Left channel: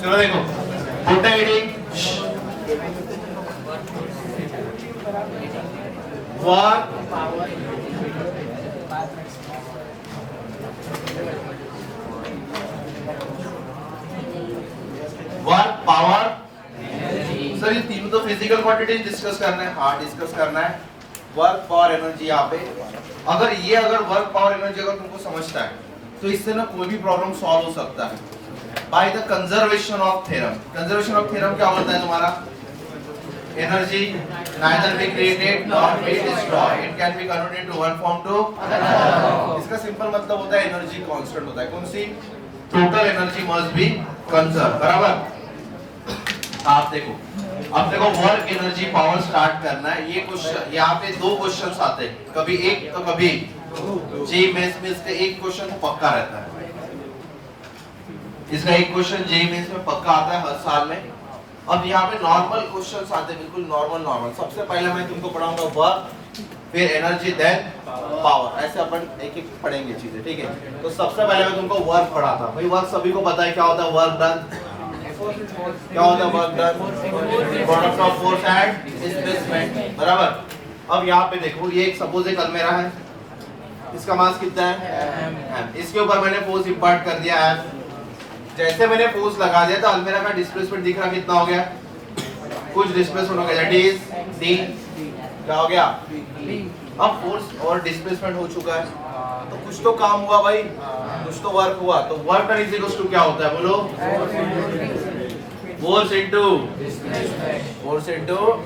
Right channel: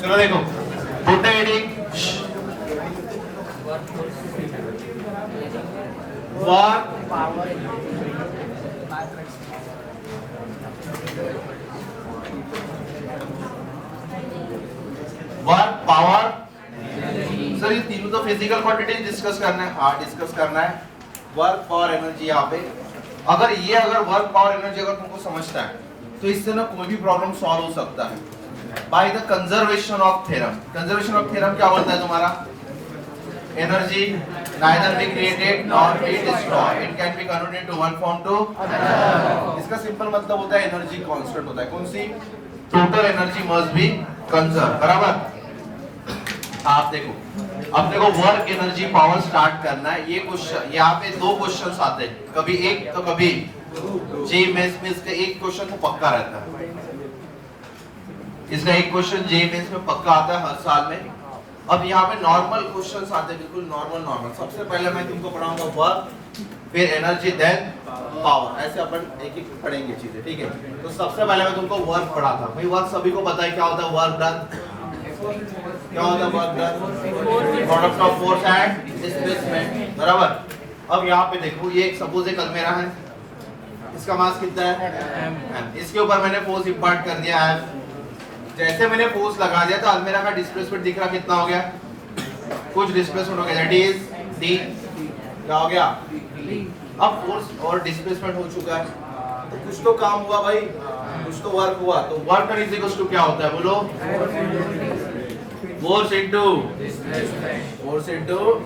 चलो देखो rotating work power. Sir ये तीनों तो फिजिकल क्वांटिटी डिस्कस करना है। हाँ डिस्कस करना है वर्क पावर एनर्जी। यहाँ पे अगर वर्क पावर एनर्जी अगर तुमको समझता है तो इससे ना कोई भी प्रॉब्लम सॉल्व हो सकता है by the conservation of theorem. Conservation of theorem क्या बोलता है तुम्हारा? Energy neither be created nor be destroyed, it can be converted into one form to another। इसका सिंपल मतलब होता है एनर्जी कांस्टेंट होता है। कौन सी? Total energy must be conserve. बराबर। आप देखो अब देखो वर्क एनर्जी पावर स्टार्ट करना है। ये क्वेश्चन यहाँ पे दो क्वेश्चंस आते हैं, कभी एक तो कभी जे मेंस में इसका एक क्वेश्चन को पक्का रहता है। इसका एक क्वेश्चन जे मेंस में पक्का आता है हर साल में। अब यहाँ पे नॉर्मल क्वेश्चंस आते हैं, बिल्कुल नॉर्मल। सबसे पहले मैं तुमको पढ़ाऊंगा वर्क, फिर एनर्जी, देन पावर। ऐसे अपन एक एक पढ़ेंगे चीजें, ठीक है? तो सबसे पहले मैं तुमको वर्क पढ़ाता हूँ। भाई वर्क सभी को पता है क्या होता है? वर्क डन क्या होता है? Work done product of force and displacement. बराबर। अब यहाँ पे देखो ये एक सपोज एक अलमीरा है, इसका मास कितना है? m। इसके ऊपर मैंने फोर्स इंपॉर्ट कर दिया है। जैसे मैंने फोर्स लगा दिया तो अलमीरा का डिस्प्लेसमेंट दिख रहा कितना हो गया? कुछ डिस्प्लेसमेंट हो गया, दैट इज d। क्या हो गया? अब फोर्स और डिस्प्लेसमेंट हो चुका है तो कुछ तो काम हुआ भाई, कुछ तो वर्क हुआ। तो work done is equal to क्या होता है? बोलो। Force into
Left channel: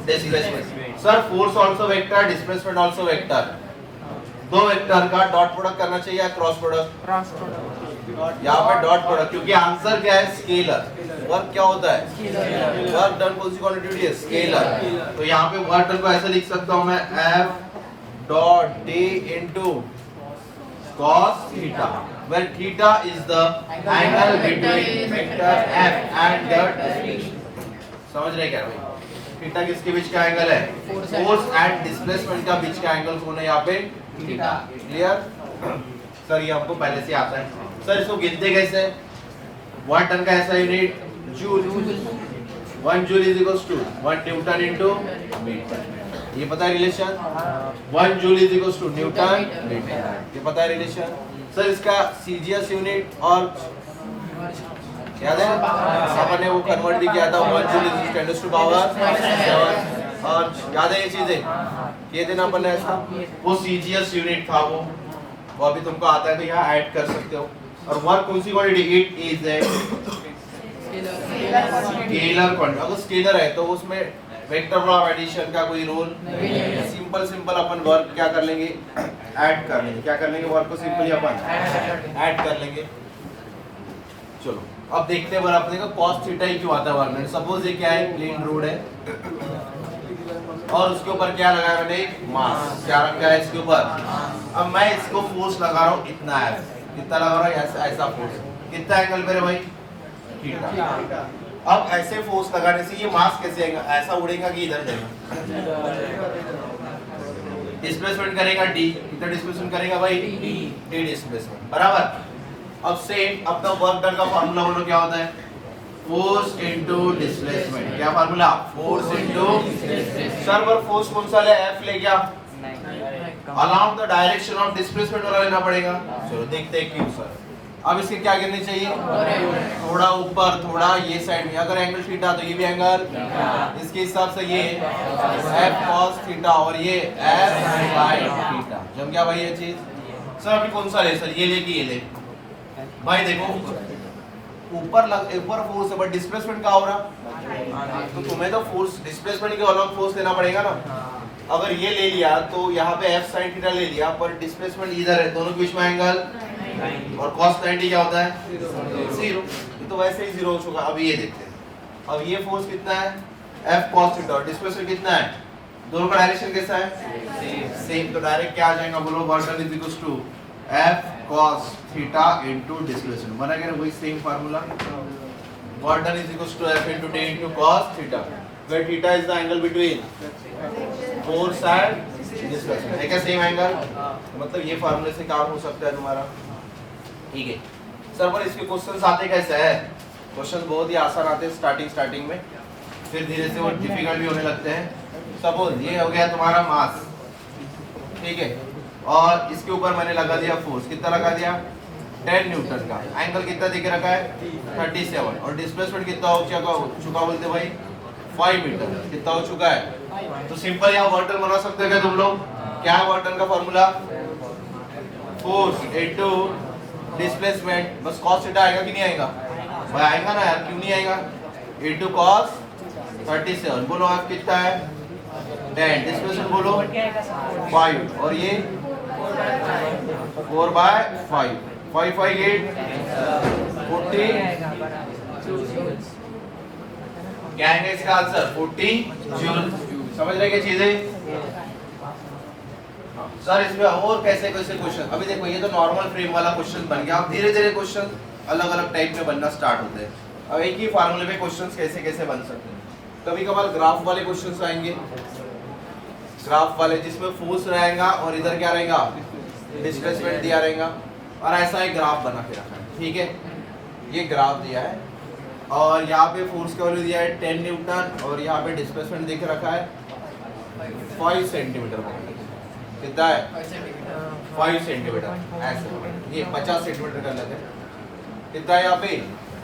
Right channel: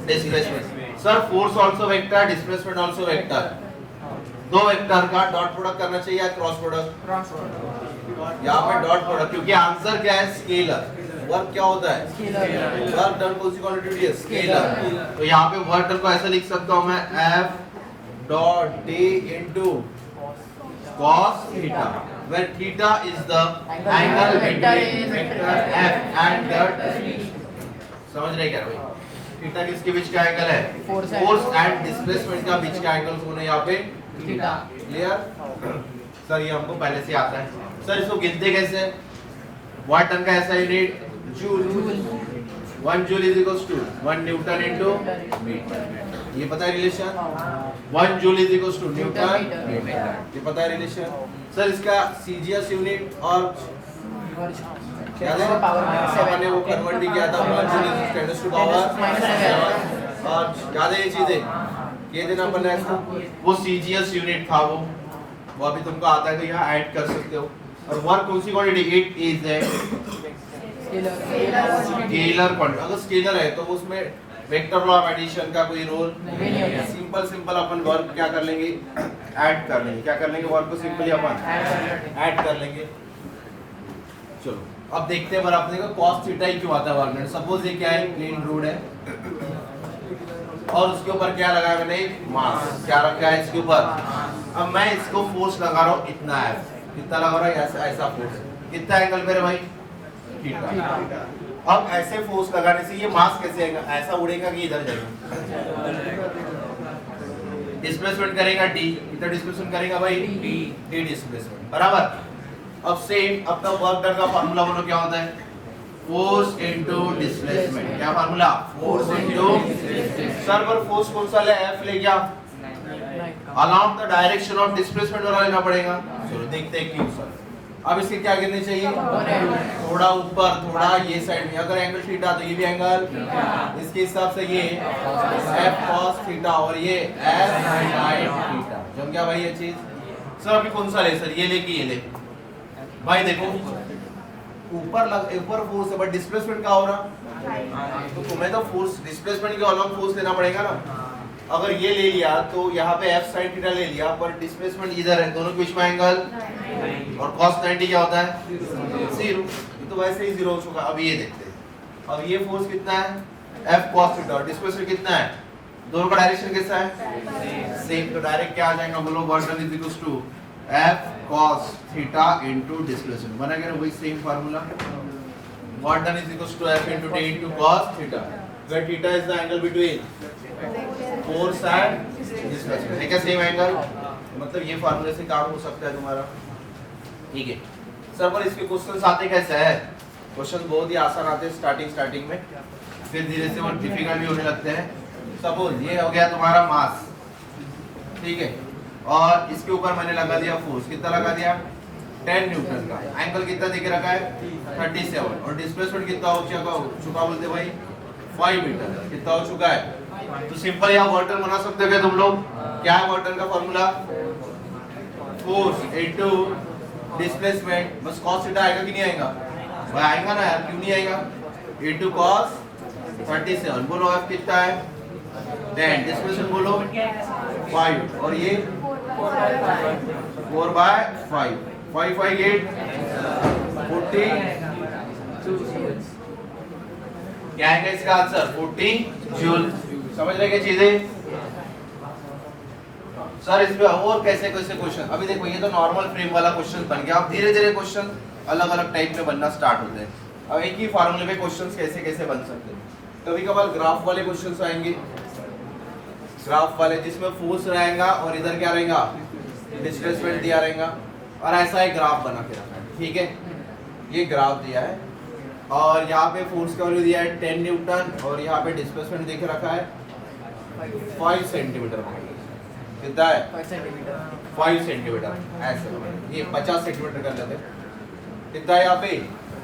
displacement. Sir force also vector, displacement also vector. दो वेक्टर का डॉट प्रोडक्ट करना चाहिए या क्रॉस प्रोडक्ट? यहाँ पे डॉट प्रोडक्ट, क्योंकि आंसर क्या है? स्केलर। वर्क क्या होता है? वर्क डन कौन सी क्वांटिटी है? स्केलर। तो यहाँ पे वर्क डन को ऐसे लिख सकता हूँ मैं F dot D into cos theta, where theta is the angle between vector F and the। समझ रहे क्या भाई? थीटा किसके बीच का एंगल है? फोर्स एंड डिस्प्लेसमेंट का बीच का एंगल कौन है यहाँ पे? थीटा। क्लियर? सर ये हमको पहले से आता है। सर इसको गिनते कैसे? वाट टन का ऐसा unit joule. 1 joule is equals to 1 newton into metre. ये पता है relation? 1 joule is equals to newton metre. ये पता है रिलेशन? सर इसका सीजीएस यूनिट और याद है अपन ने वो कन्वर्ट भी किया था 1 जूल इज 10 टू पावर 7। और याद है ये चीजें ये दिन अपन ने ऐसा वो सीजीएस यूनिट था वो अभी तुमको आता है तो यहाँ ऐड कर सकते हो। और वर्क कौन सी quantity? It is a scalar quantity. अगर स्केलर है तो उसमें वेक्टर ऑफ एडिशन का कोई रोल सिंपल अपन वर्क क्या कर लेंगे? ऐड कर लेंगे। क्या कर लेंगे? वर्क को सिंपली अपन ऐड कर लेंगे। चलो अब देखते हैं बराबर अपने को cos थीटा ही क्यों आता है वर्क में। सपोज ये क्या है? प्लेन रोड है और उसके ऊपर क्या लगाया मैंने? मास। क्या रखा है इसके ऊपर? अब मैं इसको फोर्स लगा रहा हूँ इतना है, कितना लगा रहा हूँ? ऐसा फोर्स। कितना एंगल मेरे भाई? थीटा। अब ऐसे फोर्स लगाने से ये मास कैसे आएगा? ऐसा उड़ेगा कि इधर जाएगा? डिस्प्लेसमेंट करेगा d। कितना डिस्प्लेसमेंट करेगा भाई? d displacement. बराबर। अब सेम अपना वर्क डन का फार्मूला बोलो क्या होता है? Force into displacement. क्या फार्मूला? Force into. सर पर फोर्स कौन सा ले? F ले गया, along the direction of displacement वाला लेना पड़ेगा। चलो देखते हैं क्यों सर। अब इसके क्या करने चाहिए? थोड़ा ऊपर थोड़ा ये साइड में। अगर एंगल थीटा तो ये भी एंगल इसके हिसाब से ये F cos थीटा और ये F sin थीटा। जम गया भाई ये चीज। सर अभी कौन सा ले? सर ये ले कि ये ले? भाई देखो ऊपर फोर्स है बट डिस्प्लेसमेंट का हो रहा तो तुम्हें तो फोर्स डिस्प्लेसमेंट के अलॉन्ग फोर्स देना पड़ेगा ना। अगर ये ले लिया तो यहाँ पे F sin थीटा ले लिया पर डिस्प्लेसमेंट इधर है, दोनों के बीच में एंगल और cos 90 क्या होता है? 0। तो वैसे ही 0 हो चुका। अब ये देखते हैं। अब ये फोर्स कितना है? F cos theta. डिस्प्लेसमेंट कितना है? दोनों का डायरेक्शन कैसा है? सेम। तो डायरेक्ट क्या आ जाएगा? बोलो work done is equals to F cos theta into displacement. बना क्या? वही same formula. Work done is equals to F into D into cos theta, where theta is the angle between force and displacement. है क्या same angle? तो मतलब ये फार्मूले से काम हो सकता है तुम्हारा। ठीक है सर पर इसके क्वेश्चंस आते कैसे हैं? क्वेश्चन बहुत ही आसान आते हैं स्टार्टिंग में, फिर धीरे से वो डिफिकल्ट भी होने लगते हैं। सपोज ये हो गया तुम्हारा मास, ठीक है, और इसके ऊपर मैंने लगा दिया फोर्स, कितना लगा दिया 10 न्यूटन का। एंगल कितना दिख रखा है 37, और डिस्प्लेसमेंट कितना हो चुका बोलते भाई 5 मीटर, कितना हो चुका है। तो सिंपल यहाँ वर्क डन बना सकते हैं तुम लोग। क्या है वर्क डन का फॉर्मूला? फोर्स इनटू डिस्प्लेसमेंट, बस cos थीटा आएगा कि नहीं आएगा भाई? आएगा ना यार, क्यों नहीं आएगा? इनटू cos 37, बोलो आप कितना है 10, डिस्प्लेसमेंट बोलो 5, और ये 4/5, 5 5 8 40, क्या है इसका आंसर 40 जूल। समझ रहे क्या चीजें? सर इसमें और कैसे कैसे क्वेश्चन, अभी देखो ये तो नॉर्मल फ्रेम वाला क्वेश्चन बन गया। अब धीरे धीरे क्वेश्चन अलग अलग टाइप में बनना स्टार्ट होते हैं। अब एक ही फार्मूले पे क्वेश्चंस कैसे कैसे बन सकते हैं। कभी कभार ग्राफ वाले क्वेश्चंस आएंगे, ग्राफ वाले जिसमें फोर्स रहेगा और इधर क्या रहेगा डिस्प्लेसमेंट दिया रहेगा, और ऐसा एक ग्राफ बना के रखा है, ठीक है। ये ग्राफ दिया है और यहाँ पे फोर्स का वैल्यू दिया है 10 न्यूटन, और यहाँ पे डिस्प्लेसमेंट दिख रखा है 5 सेंटीमीटर। कितना है 5 सेंटीमीटर, ऐसे ये 50 सेंटीमीटर कर लेते हैं। कितना है यहाँ पे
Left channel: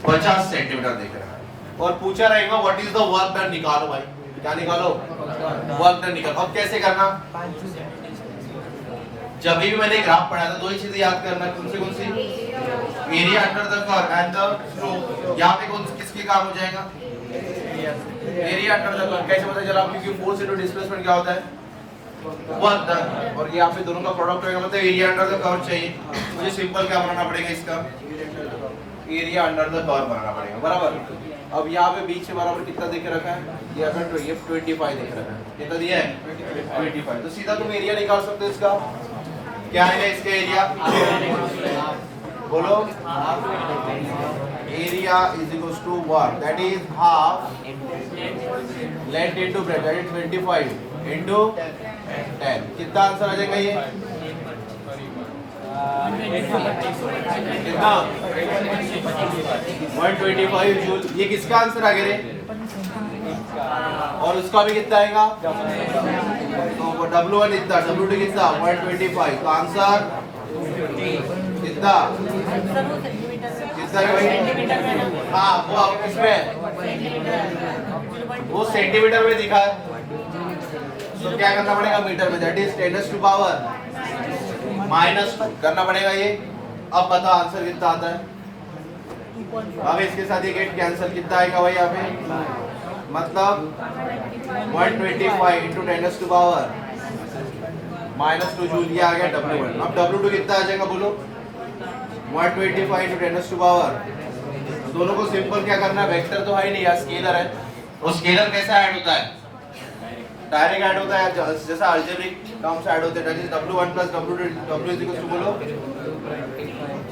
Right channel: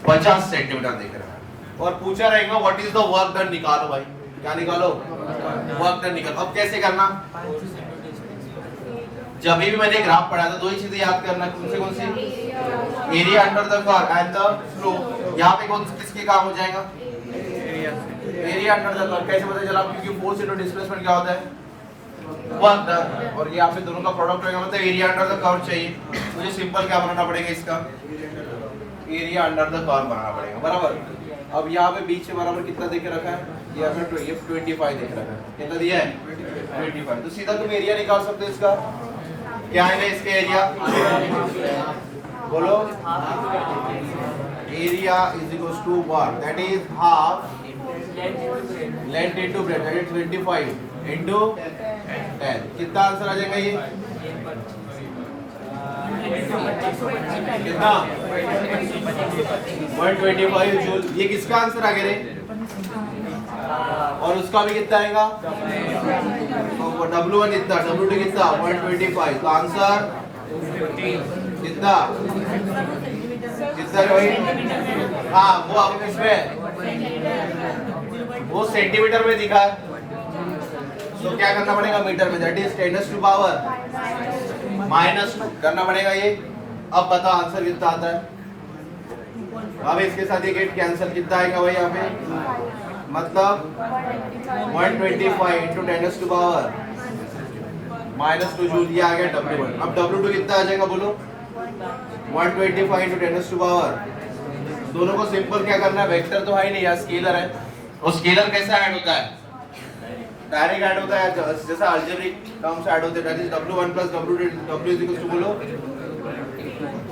50 सेंटीमीटर दिख रहा है, और पूछा रहेगा what is the work done, निकालो भाई। क्या निकालो? वर्क डन निकालो। अब कैसे करना? जब भी मैंने ग्राफ पढ़ा था दो ही चीजें याद करना, कौन सी? Area under the curve and the slope. यहाँ पे कौन किसके काम हो जाएगा? Area under the curve. कैसे पता चला? क्योंकि फोर्स इनटू डिस्प्लेसमेंट क्या होता है वर्क डन, और ये यहाँ पे दोनों का प्रोडक्ट होगा, मतलब एरिया अंडर द कर्व चाहिए। मुझे सिंपल क्या बनाना पड़ेगा इसका? एरिया अंडर द कर्व बनाना पड़ेगा, बराबर। अब यहाँ पे बीच से बराबर कितना देके रखा है? ये हमें 25 देख रखा है। कितना दिया है 25। तो सीधा तुम एरिया निकाल सकते हो इसका। क्या है इसके एरिया? बोलो area is equal to work, that is half length into breadth, that is 25 into 10। कितना आंसर आ जाएगा ये? कितना? 125 जूल। ये किसका आंसर आ गया रे? और उसका भी कितना आएगा? तो वो W1 कितना, W2 कितना 125। तो आंसर कितना कितना भाई? हाँ वो आप इसमें वो सेंटीमीटर में दिखा है, तो क्या करना पड़ेगा मीटर में, दैट इज 10⁻² -2 करना पड़ेगा ये। अब बता आंसर कितना आता है? अब इसके साथ ये गेट कैंसिल, कितना आएगा भाई यहाँ पे? मतलब 125 इंटू 10⁻² -2 जूल, ये आ गया W1। अब W2 कितना आ जाएगा बोलो? 125 इंटू 10⁻²। दोनों को सिंपल क्या करना है, वेक्टर तो है ही नहीं यार, स्केलर है। और स्केलर कैसा ऐड होता है? डायरेक्ट ऐड होता है, जैसा अलजेब्रिक टर्म्स ऐड होते हैं। That is W1 plus W2, W is equal to बोलो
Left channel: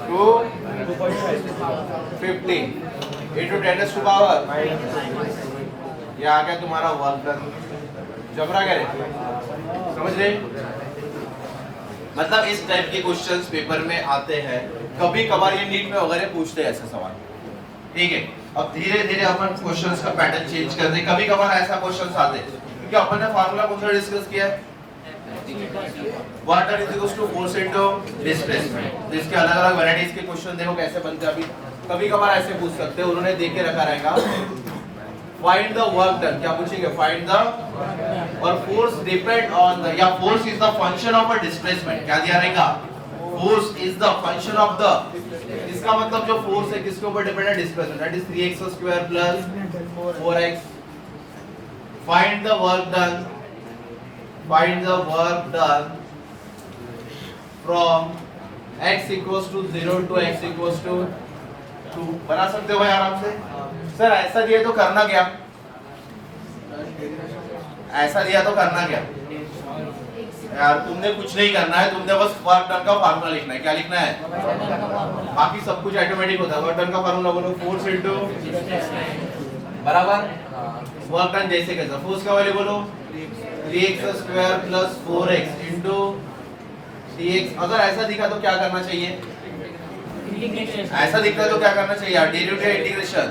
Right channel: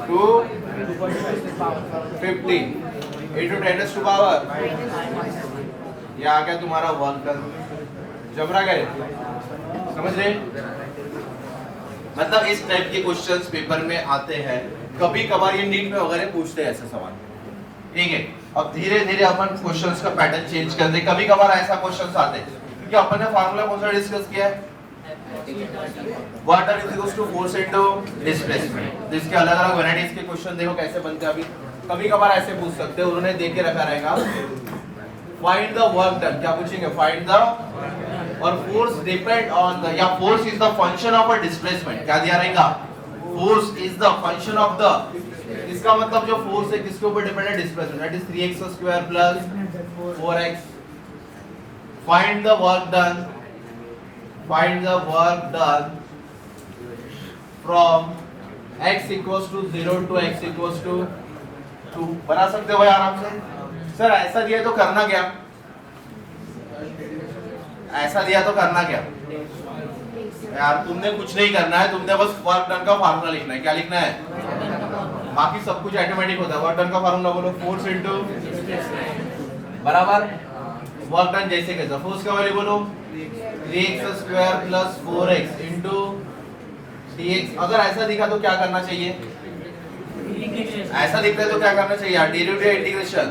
250 इंटू 10⁻²। ये आ गया तुम्हारा वर्क डन। जबरा करे, समझ रहे? मतलब इस टाइप के क्वेश्चंस पेपर में आते हैं, कभी कभार ये नीट में वगैरह पूछते हैं ऐसे सवाल, ठीक है। अब धीरे धीरे अपन क्वेश्चंस का पैटर्न चेंज करते हैं। कभी कभार ऐसा क्वेश्चंस आते हैं क्योंकि अपन ने फार्मूला कौन सा डिस्कस किया है? Work done is equal to force into displacement. इसके अलग अलग वैरायटीज के क्वेश्चन देखो कैसे बनते हैं। अभी कभी कभार ऐसे पूछ सकते हैं, उन्होंने देख के रखा रहेगा फाइंड द वर्क डन। क्या पूछेंगे? फाइंड द, और फोर्स डिपेंड ऑन द, या force is the function of a displacement. क्या दिया रहेगा? Force is the function of the, इसका मतलब जो फोर्स है किसके ऊपर डिपेंड है? Displacement, that is 3x² plus 4x। Find the work done, find the work done from x equals to 0 to x equals to 2। बना सकते हो भाई आराम से। सर ऐसा दिया तो करना क्या? ऐसा दिया तो करना क्या यार? तुमने कुछ नहीं करना है, तुमने बस वर्क डन का फार्मूला लिखना है। क्या लिखना है? बाकी सब कुछ ऑटोमेटिक होता है। वर्क डन का फार्मूला बोलो, फोर्स इनटू बराबर वर्क डन। जैसे कैसा? फोर्स का वैल्यू बोलो 3x² plus 4x into dx। अगर ऐसा दिखा तो क्या करना चाहिए? ऐसा दिख रहा है तो क्या करना चाहिए? Derivative integration.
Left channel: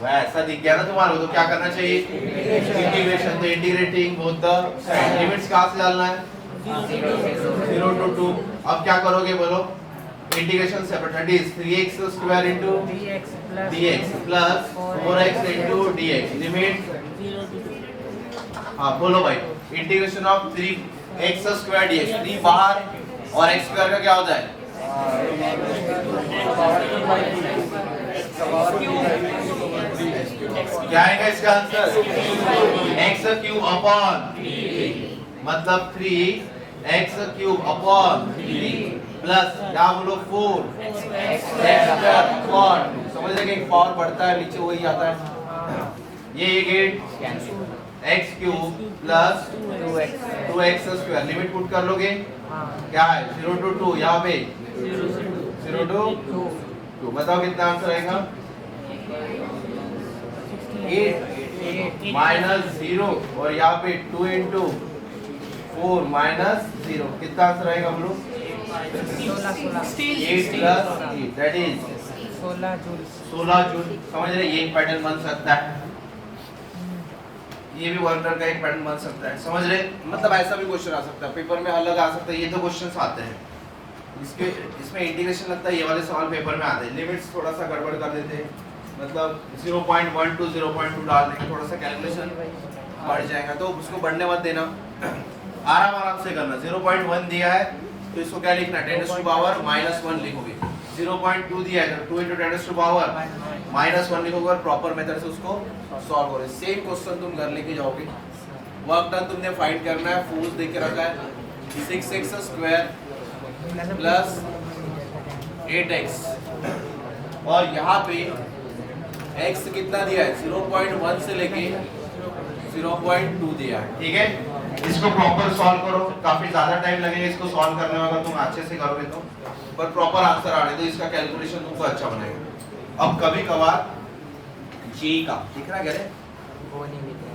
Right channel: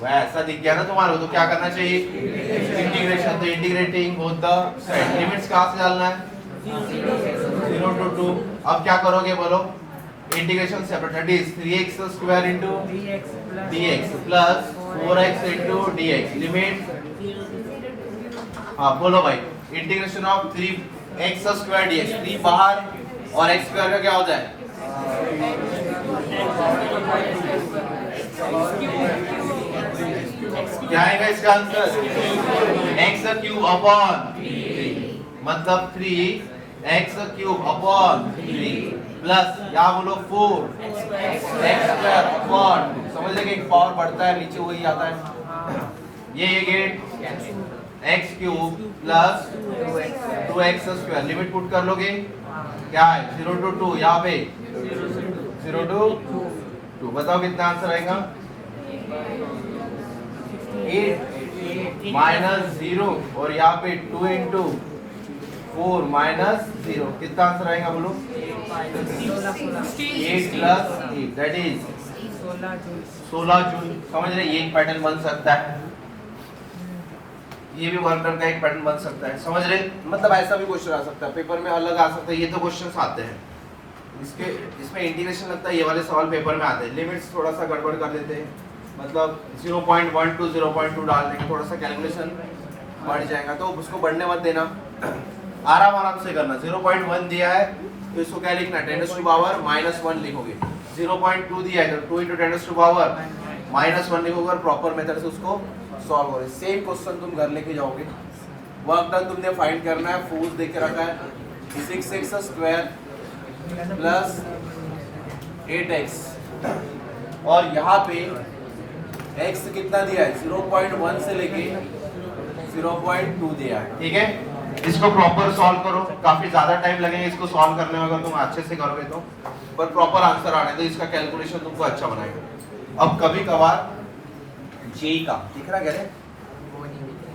वह ऐसा दिख गया ना तुम्हारे को तो क्या करना चाहिए? इंटीग्रेशन। तो integrating both the side. Limits कहाँ से डालना है? 0 to 2। अब क्या करोगे बोलो? Integration separate, that is 3x square into dx plus 4x into dx। Limit हाँ बोलो भाई। Integration of 3x square dx, 3 बाहर और x स्क्वायर का क्या होता है? क्या आएगा इसका आंसर? x क्यूब अपॉन मतलब 3x क्यूब अपॉन 3 प्लस क्या बोलो 4x स्क्वायर अपॉन 2। समझ रहे कि एक पावर बढ़ता है नीचे वही आता है। ये get x cube plus 2x square. Limit put कर लोगे क्या है? 0 to 2। यहाँ पे 0 to 2। बताओ कितना आंसर आएगा? 8 माइनस 0 और यहाँ पे 2 इंटू 4 माइनस 0। कितना आंसर आएगा बोलो? 8 प्लस 8 दैट इज 16 जूल। समझ रहे? ये एक पैटर्न बन सकता है, ये भी वर्क डन का एक पैटर्न बन सकता है। समझ रहे? मतलब ऐसा भी क्वेश्चन आ सकता है पेपर में, अलग आ सकता है। ये तो क्वेश्चंस आते हैं इसमें इंटीग्रेशन लगता है। ये वाले सवाल पेपर में आते हैं। लिमिट्स थोड़ा सा गड़बड़ कर देते हैं, मतलब 0.1 to 0.2 डालने के थोड़ा सा कैलकुलेशन बढ़ जाएगा, तो उसको बढ़ने मत देना, आराम से करना। 0.1 दिया है तो इसको क्या लिखना? 10 टू पावर -1 लिखोगे। 0.2 दिया है तो 2 into 10 टू पावर -1 लिखोगे और प्रॉपर मेथड से उसको सॉल्व करोगे। सेम क्वेश्चन तुम घर लेके जाओगे। वर्क डन तुमने फाइंड करना है। फोर्स देख के रखा है 6x स्क्वायर प्लस 8x और यहाँ पे x कितना दिया है? 0.1 से लेके 0.2 दिया है। ठीक है, इसको प्रॉपर सॉल्व करो। काफी ज्यादा टाइम लगेगा इसको सॉल्व करने में अगर तुम अच्छे से करोगे तो, पर प्रॉपर आंसर आने तो इसका कैलकुलेशन तुमको अच्छा बनाएगा। अब कभी कभार जे का दिख रहा क्या रे?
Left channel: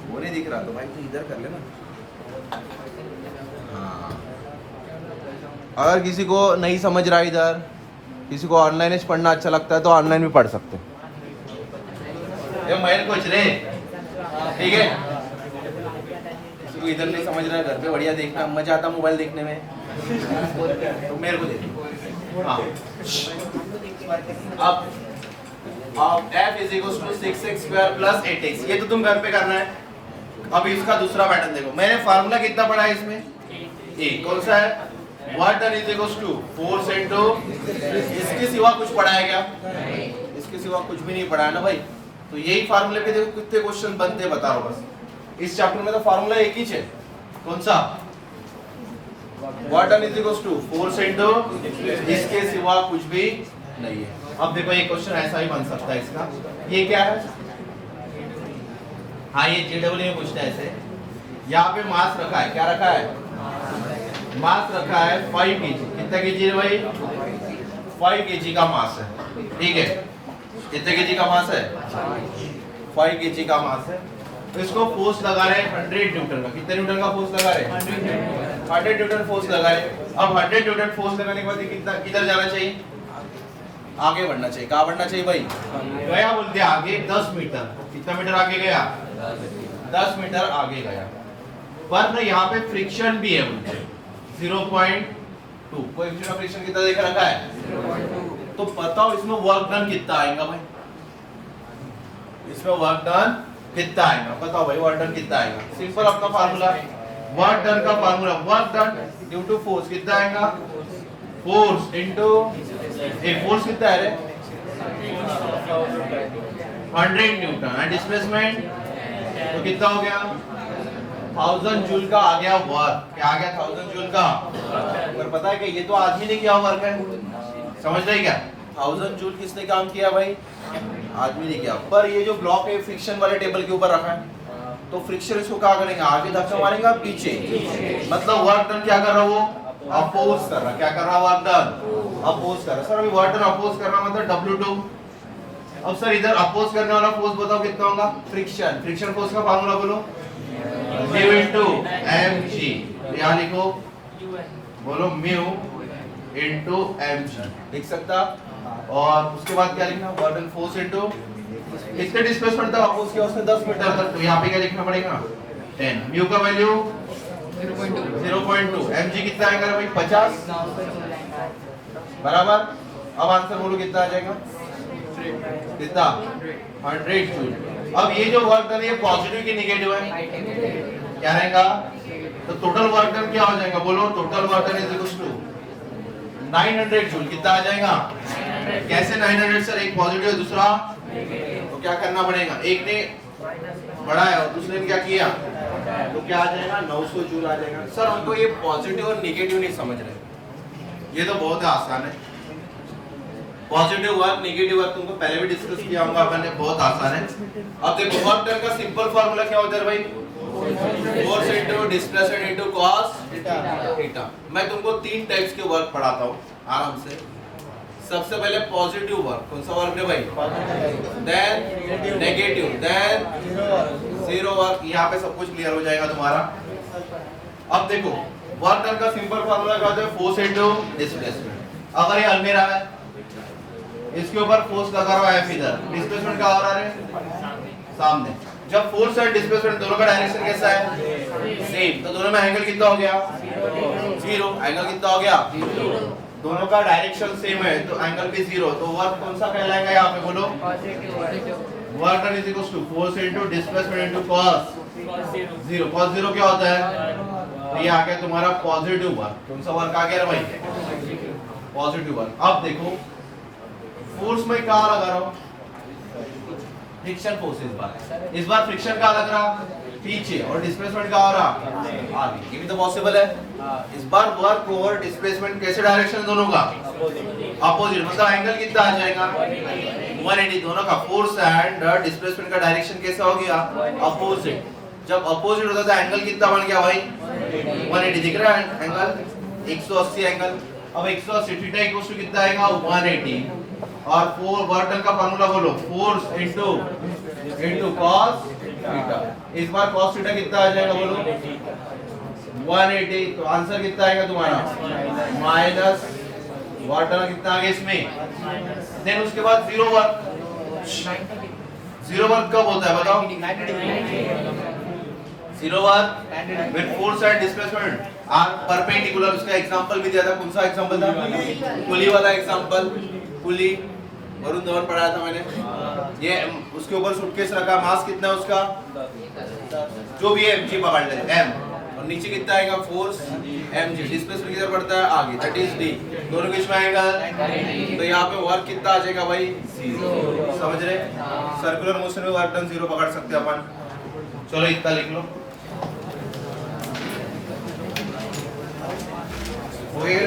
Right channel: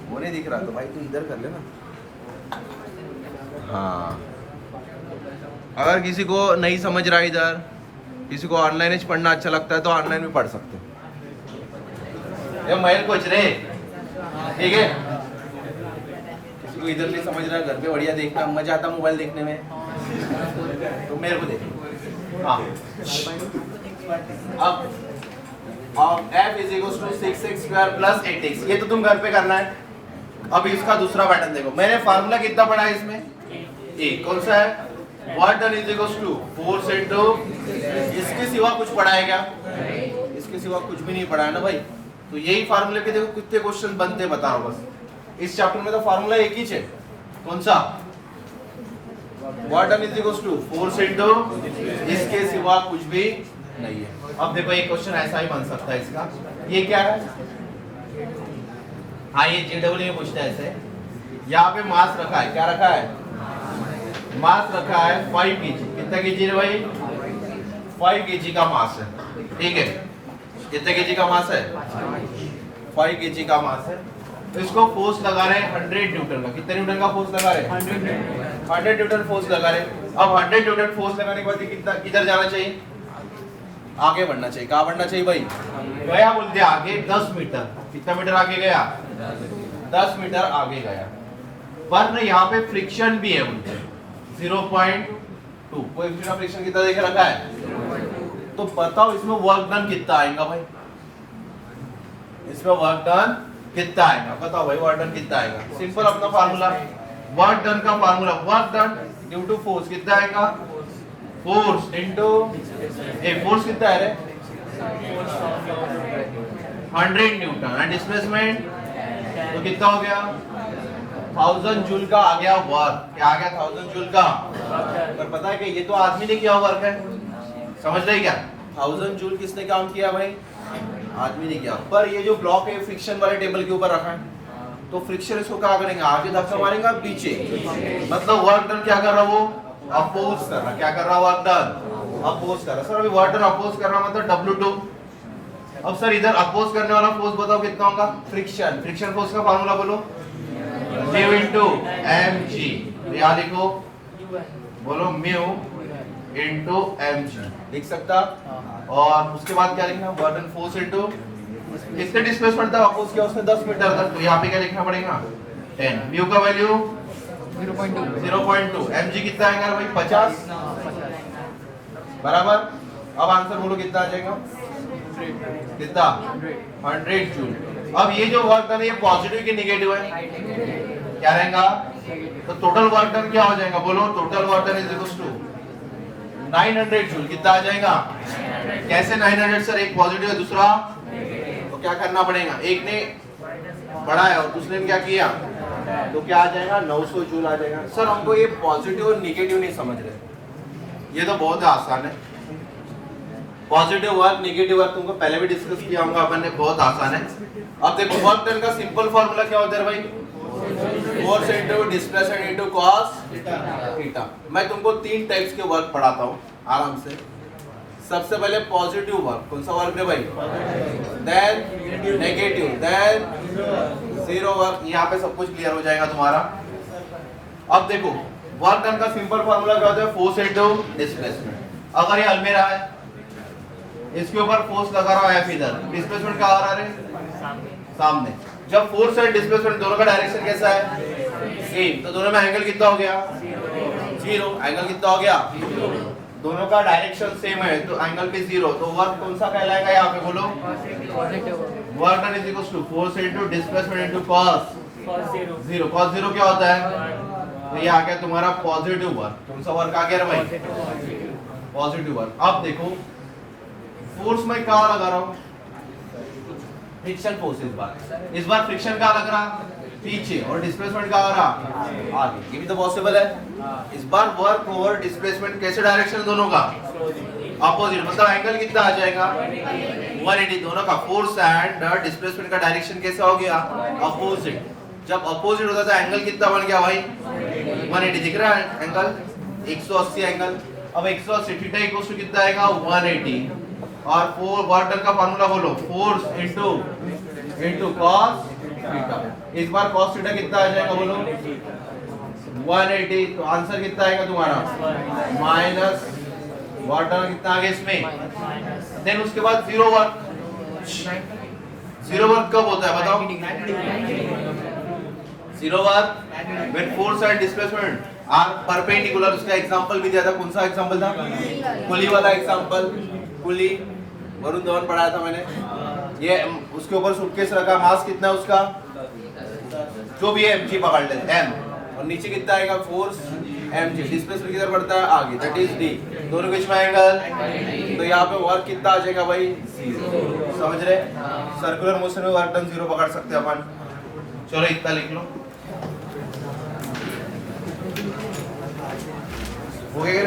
वो नहीं दिख रहा तो भाई तू इधर कर लेना। हाँ, अगर किसी को नहीं समझ रहा इधर, किसी को ऑनलाइन पढ़ना अच्छा लगता है तो ऑनलाइन भी पढ़ सकते हो। ये महल कुछ रे, ठीक है। किसी को इधर नहीं समझ रहा है, घर पे बढ़िया देखना, मजा आता मोबाइल देखने में, तो मेरे को देखो। हाँ, अब f is equal to 6x square plus 8x, ये तो तुम घर पे करना है। अब इसका दूसरा पैटर्न देखो। मैंने फार्मूला कितना पढ़ा है इसमें? a। कौन सा है? Work done is equal to force into, इसके सिवा कुछ पढ़ा है क्या? इसके सिवा कुछ भी नहीं पढ़ा है ना भाई। तो यही फार्मूले के देखो कितने क्वेश्चन बनते बताओ बस। इस चैप्टर में तो फार्मूला एक ही है। कौन सा? Work done is equal to force into, इसके सिवा कुछ भी नहीं है। अब देखो एक क्वेश्चन ऐसा ही बन सकता है इसका। ये क्या है? हाँ, ये जेडब्ल्यू में पूछता है ऐसे। यहाँ पे मास रखा है, क्या रखा है? मास रखा है 5 kg। कितना केजी है भाई? 5 kg का मास है। ठीक है, कितने केजी का मास है? 5 kg का मास है। तो इसको फोर्स लगा रहे हैं 100 न्यूटन का। कितने न्यूटन का फोर्स लगा रहे हैं? 100 न्यूटन फोर्स लगा रहे हैं। अब 100 न्यूटन फोर्स लगाने के बाद कितना, किधर जाना चाहिए? आगे बढ़ना चाहिए। कहाँ बढ़ना चाहिए भाई? गया बोलते आगे 10 मीटर। कितना मीटर आगे गया? 10 मीटर आगे गया। पर ना यहाँ पे फ्रिक्शन भी है बोलते 0.2। कोएफिशिएंट ऑफ फ्रिक्शन कितना देख रखा है? तो बताओ इसमें वर्क डन कितना आएगा भाई? इसमें वर्क डन कितना आएगा? बताओ भाई, वर्क डन कितना आएगा? सिंपल अपना फार्मूला, वर्क डन का formula, work done due to force कितना आएगा? फोर्स इनटू फोर्स कितना है रे? 100 न्यूटन एंड डिस्प्लेसमेंट तो कितना हो गया? 1000 जूल का आ गया वर्क। क्या आ गया? 1000 जूल का। पर पता है कि ये तो आदमी ने किया वर्क है। समझ रहे क्या? 1000 जूल किसने काम किया भाई? आदमी ने किया। पर ये जो ब्लॉक है फ्रिक्शन वाले टेबल के ऊपर रखा है, तो फ्रिक्शन इसको क्या करेंगे? आगे धक्का मारेंगे पीछे। मतलब वर्क डन क्या कर रहा वो? अपोज कर रहा। क्या कर रहा? वर्क डन अपोज कर रहा। सर अभी वर्क डन अपोज कर रहा मतलब W2। अब सर इधर अपोज करने वाला फोर्स बताओ कितना होगा? फ्रिक्शन। फ्रिक्शन फोर्स का फार्मूला बोलो, म्यू इनटू mg। यहाँ लिखो, बोलो म्यू इंटू एम जी लिख सकता। और उसके बाद क्या लिखना, वर्क डन फोर्स इंटू कितने डिस्प्लेसमेंट था अपोज किया उसने 10 मीटर तक, तो यहाँ पे क्या लिखना पड़ेगा 10। म्यू का वैल्यू 0.2, mg कितना आएगा भाई 50 बराबर। अब आंसर बोलो कितना आ जाएगा, कितना 100 जूल। अब ये जो वर्क डन है पॉजिटिव की नेगेटिव है, क्या रहेगा, तो टोटल वर्क डन क्या हो जाएगा बोलो, total work done is equal to 900 joule. कितना आ जाएगा, कैसे 900 सर, एक पॉजिटिव है दूसरा, तो क्या करना पड़ेगा, एक ने बढ़ाया और दूसरे ने क्या किया, तो क्या आ जाएगा 900 जूल आ जाएगा। सर हमको ये पॉजिटिव और नेगेटिव नहीं समझ रहे, ये तो बहुत आसान है। पॉजिटिव वर्क नेगेटिव वर्क तुमको पहले भी डिस्कस किया होगा अपन ने, बहुत आसान है। अब देखो वर्क डन का सिंपल फार्मूला क्या होता है भाई, force into displacement into cos theta. मैं तुमको 3 टाइप्स के वर्क पढ़ाता हूँ आराम से। सबसे पहले पॉजिटिव वर्क, कौन सा वर्क है भाई, then negative, then zero work. यहाँ पे सब कुछ क्लियर हो जाएगा तुम्हारा। अब देखो वर्क डन का सिंपल फार्मूला क्या होता है, फोर्स इनटू डिस्प्लेसमेंट। अगर ये अलमीरा है, इसके ऊपर फोर्स लगा रहा है इधर, डिस्प्लेसमेंट क्या हो रहा है सामने। जब फोर्स और डिस्प्लेसमेंट दोनों का डायरेक्शन कैसा है, सेम, तो दोनों में एंगल कितना हो गया, 0। एंगल कितना हो गया, दोनों का डायरेक्शन सेम है तो एंगल भी 0। तो वर्क कौन सा कहलाएगा यहाँ पे बोलो, work done is equal to force into displacement into cos 0। Cos 0 क्या होता है, तो ये आ गया तुम्हारा पॉजिटिव वर्क। कौन सा वर्क आ गया भाई, पॉजिटिव वर्क। अब देखो फोर्स में क्या लगा रहा हूं, फ्रिक्शन फोर्स। इस बार फ्रिक्शन का लग रहा पीछे और डिस्प्लेसमेंट का हो रहा आगे, ये भी तो पॉसिबल है। इस बार वर्क और डिस्प्लेसमेंट कैसे डायरेक्शन दोनों का अपोजिट, मतलब एंगल कितना आ जाएगा 180। दोनों का फोर्स एंड डिस्प्लेसमेंट का डायरेक्शन कैसा हो गया, अपोजिट। जब अपोजिट होता था एंगल कितना बन गया भाई 180, दिख रहा है एंगल 180 एंगल। अब 180 थीटा इक्वल टू कितना आएगा 180। और वर्क डन का फार्मूला बोलो, फोर्स इनटू कॉस थीटा। इस बार कॉस थीटा कितना आ जाएगा बोलो 180। तो आंसर कितना आएगा तुम्हारा माइनस, वर्क डन कितना आ गया इसमें। देन उसके बाद जीरो वर्क। जीरो वर्क कब होता है बताओ, zero work when force and displacement are perpendicular. उसका एग्जांपल भी दिया था, कौन सा एग्जांपल था, पुली वाला एग्जांपल। पुली वरुण धवन पढ़ाया था मैंने। ये उसके ऊपर सूटकेस रखा, मास कितना है उसका, जो भी है mg पकड़ ले m, और नीचे कितना आएगा फोर्स mg, डिस्प्लेसमेंट किधर बढ़ता है आगे, दैट इज d। दोनों बीच में एंगल, तो यहाँ पे वर्क कितना आ जाएगा भाई 0। समझ रहे, सर्कुलर मोशन में वर्क डन 0 पकड़ सकते हैं अपन। चलो इतना लिख लो, हो गया।